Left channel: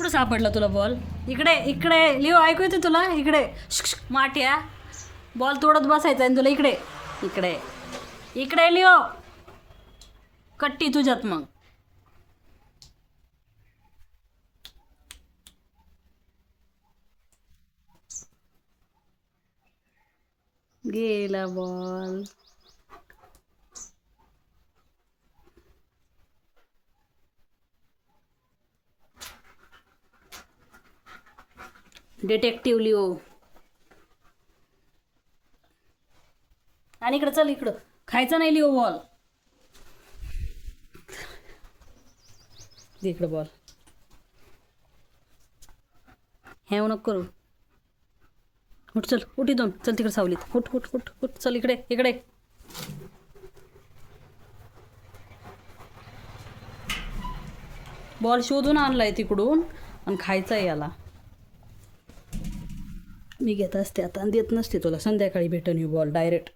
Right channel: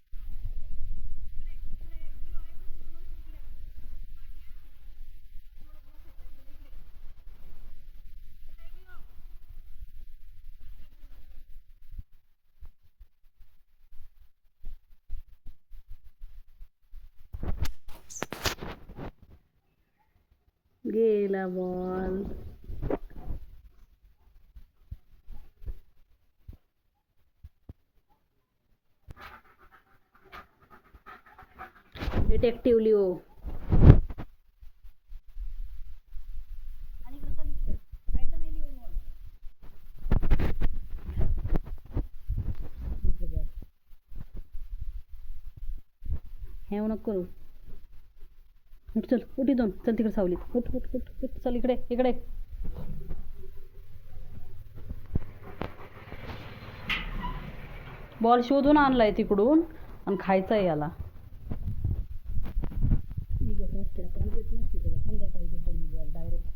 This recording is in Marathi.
कुठं सापडला तुला बॉल? इकडे इकडे लिओ, ऐकू येते तुला? इकडे माट्या बॉल तोडत बसायचा आणि तुला इकडे इकडे इकडे लिओ, कट्टी तुझ्यात. मग गेला बॉल. Detective Leo. आणि इकडं चल, इकडं खायचं नाही लिओ बॉल. इकडं बॉल हे नको करू. उठ चल, उठ इथून, चल तिकडे सावलीत. उठ उठ उठ उठ, चल इकडे इकडे. बॉल शोधून आणलाय तिकडून आणि खायचा आहे याला. मी घेत असते आता आणि देत नसते तुला. संध्याकाळी भेटून येऊ बॉल डायरेक्ट.